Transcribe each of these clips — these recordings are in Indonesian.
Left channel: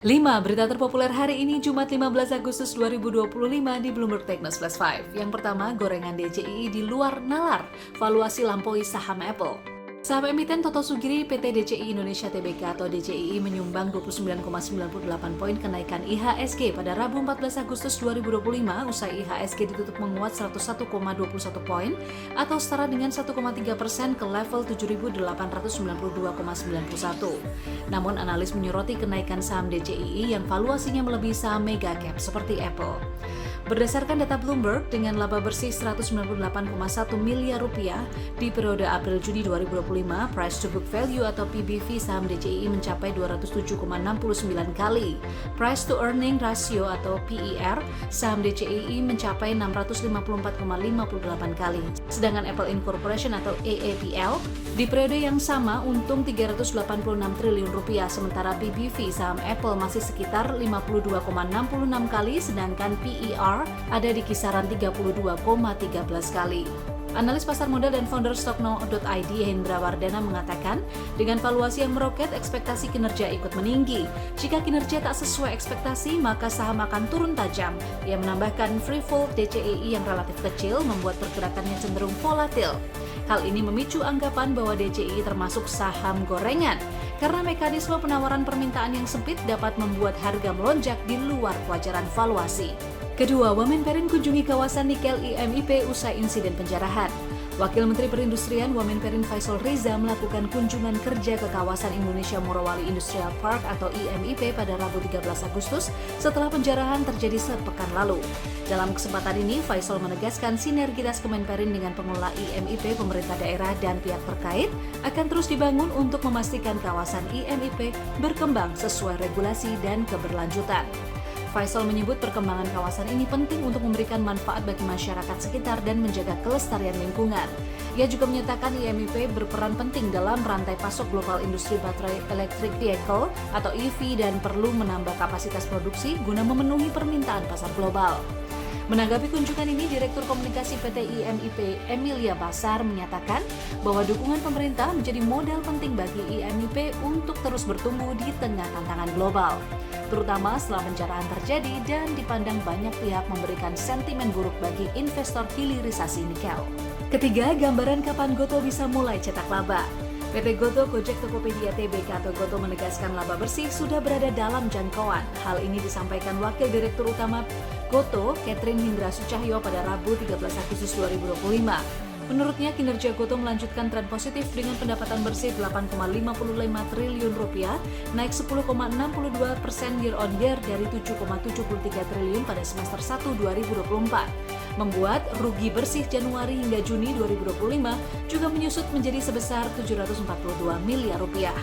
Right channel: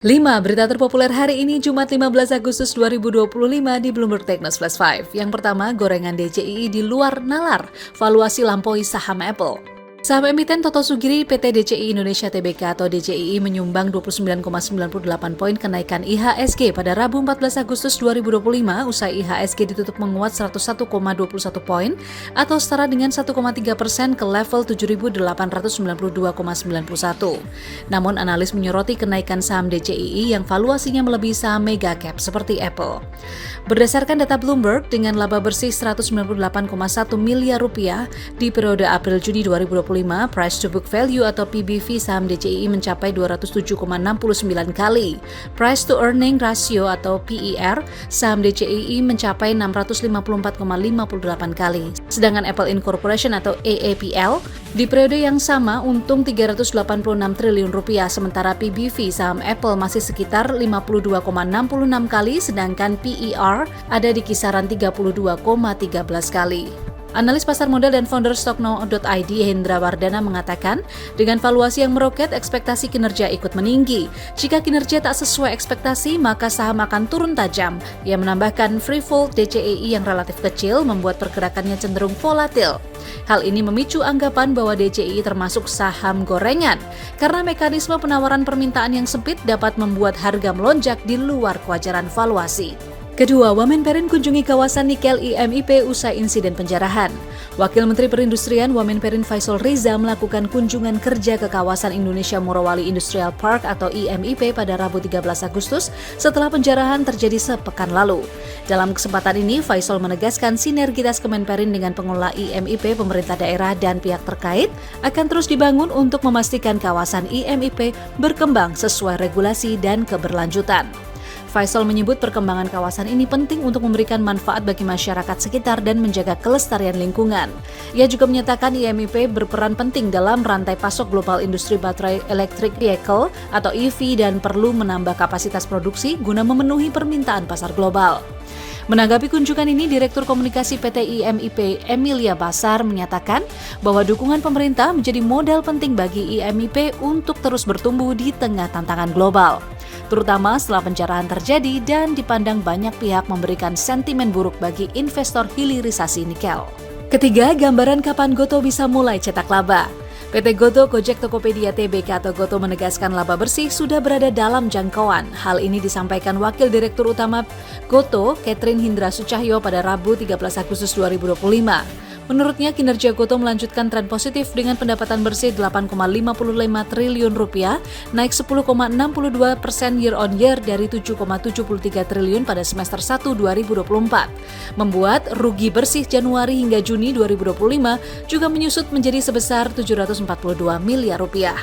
5 berita terpopuler hari ini Jumat 15 Agustus 2025 di Bloomberg Technews Flash 5. Yang pertama, gorengan DCII di luar nalar, valuasi lampaui saham Apple. Saham emiten Toto Sugiri PT DCI Indonesia Tbk atau DCII menyumbang 29,98 poin kenaikan IHSG pada Rabu 14 Agustus 2025 usai IHSG ditutup menguat 101,21 poin atau setara dengan 1,3% ke level 7.892,91. Namun analis menyoroti kenaikan saham DCII yang valuasinya melebihi saham mega cap seperti Apple. Berdasarkan data Bloomberg, dengan laba bersih 198,1 miliar rupiah di periode April-Juni 2025, price to book value atau PBV saham DCII mencapai 207,69 kali. Price to earning ratio atau PER saham DCII mencapai 654,58 kali. Sedangkan Apple Incorporation atau AAPL di periode yang sama untung 386 triliun rupiah, sementara PBV saham Apple masih sekitar 52,66 kali, sedangkan PER ada di kisaran 32,13 kali. Analis pasar modal dan founder Stockno.id Hendra Wardana mengatakan, dengan valuasi yang meroket, ekspektasi kinerja ikut meninggi. Jika kinerja tak sesuai ekspektasi, maka saham akan turun tajam. Ia menambahkan free fall DCII yang relatif kecil membuat pergerakannya cenderung volatil. Hal ini memicu anggapan bahwa DCII termasuk saham gorengan, karena mekanisme penawaran permintaan yang sempit dapat membuat harga melonjak di luar kewajaran valuasi. Kedua, Wamenperin kunjungi kawasan nikel IMIP usai insiden penjarahan. Wakil Menteri Perindustrian Wamenperin Faisal Riza melakukan kunjungan kerja ke kawasan Indonesia Morowali Industrial Park atau IMIP pada Rabu 13 Agustus setelah penjarahan terjadi sepekan lalu. Dalam kesempatan ini, Faisal menegaskan sinergitas Kemenperin dengan pengelola IMIP, pemerintah daerah, dan pihak terkait akan terus dibangun untuk memastikan kawasan IMIP berkembang sesuai regulasi dan keberlanjutan. Faisal menyebut perkembangan kawasan ini penting untuk memberikan manfaat bagi masyarakat sekitar dan menjaga kelestarian lingkungan. Ia juga menyatakan IMIP berperan penting dalam rantai pasok global industri baterai electric vehicle atau EV dan perlu menambah kapasitas produksi guna memenuhi permintaan pasar global. Menanggapi kunjungan ini, Direktur Komunikasi PT IMIP Emilia Basar menyatakan bahwa dukungan pemerintah menjadi modal penting bagi IMIP untuk terus bertumbuh di tengah tantangan global, terutama setelah penjarahan terjadi dan dipandang banyak pihak memberikan sentimen buruk bagi investor hilirisasi nikel. Ketiga, gambaran kapan Gotoh bisa mulai cetak laba. PT Gotoh Gojek Tokopedia Tbk atau Gotoh menegaskan laba bersih sudah berada dalam jangkauan. Hal ini disampaikan Wakil Direktur Utama Gotoh, Catherine Hindra Sucahyo pada Rabu 13 Agustus 2025. Menurutnya, kinerja Gotoh melanjutkan tren positif dengan pendapatan bersih 8,55 triliun rupiah, naik 10,62% year on year dari 7,73 triliun pada semester 1 2024. Membuat rugi bersih Januari hingga Juni 2025 juga menyusut menjadi sebesar 742 miliar rupiah.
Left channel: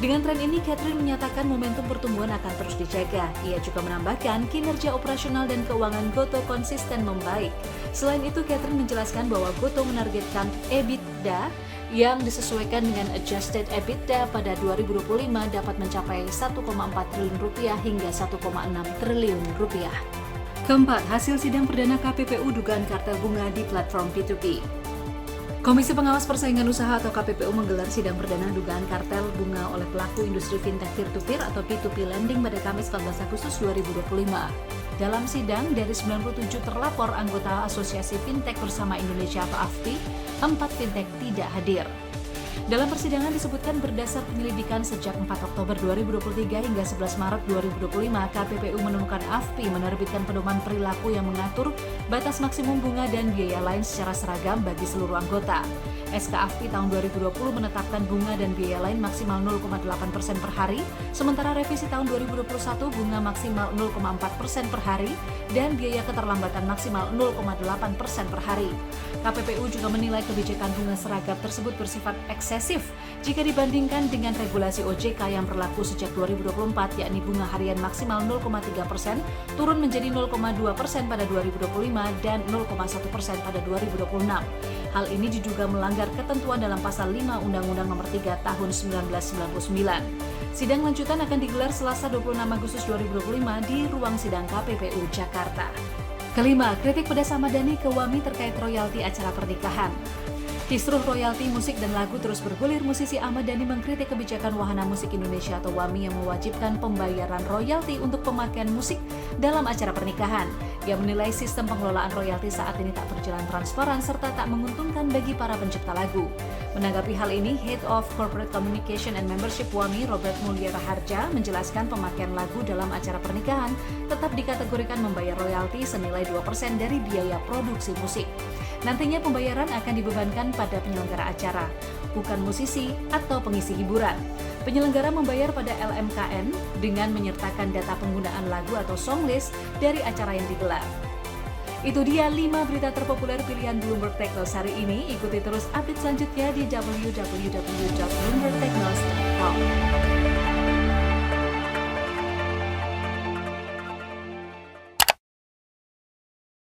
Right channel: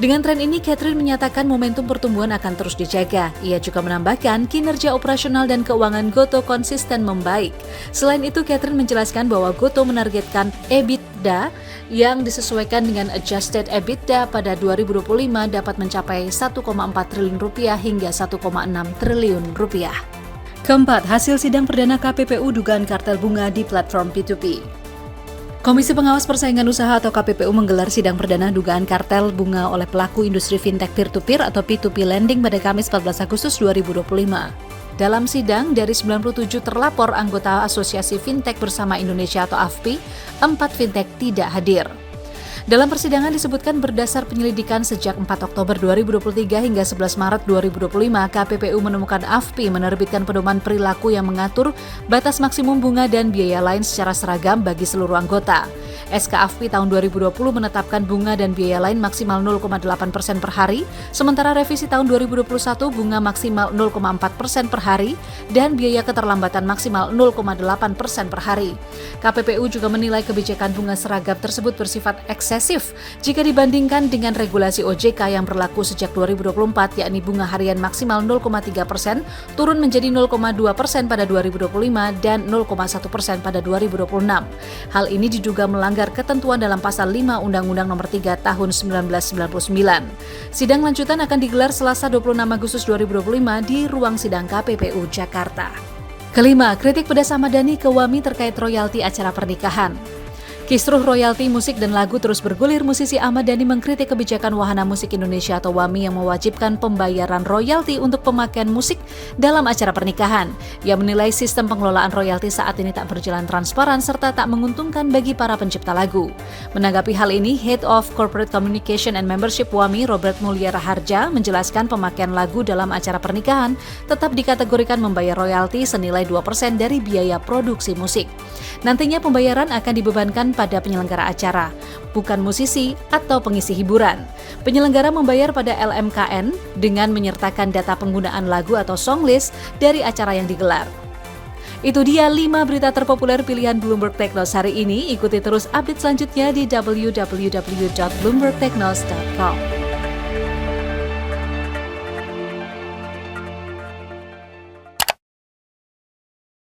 Dengan tren ini, Catherine menyatakan momentum pertumbuhan akan terus dijaga. Ia juga menambahkan kinerja operasional dan keuangan Gotoh konsisten membaik. Selain itu, Catherine menjelaskan bahwa Gotoh menargetkan EBITDA yang disesuaikan dengan adjusted EBITDA pada 2025 dapat mencapai 1,4 triliun rupiah hingga 1,6 triliun rupiah. Keempat, hasil sidang perdana KPPU dugaan kartel bunga di platform P2P. Komisi Pengawas Persaingan Usaha atau KPPU menggelar sidang perdana dugaan kartel bunga oleh pelaku industri fintech peer-to-peer atau P2P lending pada Kamis 14 Agustus 2025. Dalam sidang, dari 97 terlapor anggota Asosiasi Fintech Bersama Indonesia atau AFPI, 4 fintech tidak hadir. Dalam persidangan disebutkan berdasar penyelidikan sejak 4 Oktober 2023 hingga 11 Maret 2025, KPPU menemukan AFPI menerbitkan pedoman perilaku yang mengatur batas maksimum bunga dan biaya lain secara seragam bagi seluruh anggota. SK AFPI tahun 2020 menetapkan bunga dan biaya lain maksimal 0,8% per hari, sementara revisi tahun 2021 bunga maksimal 0,4% per hari dan biaya keterlambatan maksimal 0,8% per hari. KPPU juga menilai kebijakan bunga seragam tersebut bersifat eksesif jika dibandingkan dengan regulasi OJK yang berlaku sejak 2024, yakni bunga harian maksimal 0,3% turun menjadi 0,2% pada 2025 dan 0,1% pada 2026. Hal ini diduga melanggar ketentuan dalam pasal 5 Undang-Undang Nomor 3 Tahun 1999. Sidang lanjutan akan digelar Selasa 26 Agustus 2025 di ruang sidang KPPU Jakarta. Kelima, kritik pedas Ahmad Dhani ke WAMI terkait royalti acara pernikahan. Kisruh royalti musik dan lagu terus bergulir. Musisi Ahmad Dhani mengkritik kebijakan Wahana Musik Indonesia atau WAMI yang mewajibkan pembayaran royalti untuk pemakaian musik dalam acara pernikahan. Ia menilai sistem pengelolaan royalti saat ini tak berjalan transparan serta tak menguntungkan bagi para pencipta lagu. Menanggapi hal ini, Head of Corporate Communication and Membership WAMI, Robert Mulyara Harja, menjelaskan pemakaian lagu dalam acara pernikahan tetap dikategorikan membayar royalti senilai 2% dari biaya produksi musik. Nantinya pembayaran akan dibebankan pada penyelenggara acara, bukan musisi atau pengisi hiburan. Penyelenggara membayar pada LMKN dengan menyertakan data penggunaan lagu atau songlist dari acara yang digelar. Itu dia 5 berita terpopuler pilihan Bloomberg Technos hari ini. Ikuti terus update selanjutnya di www.bloombergtechnos.com.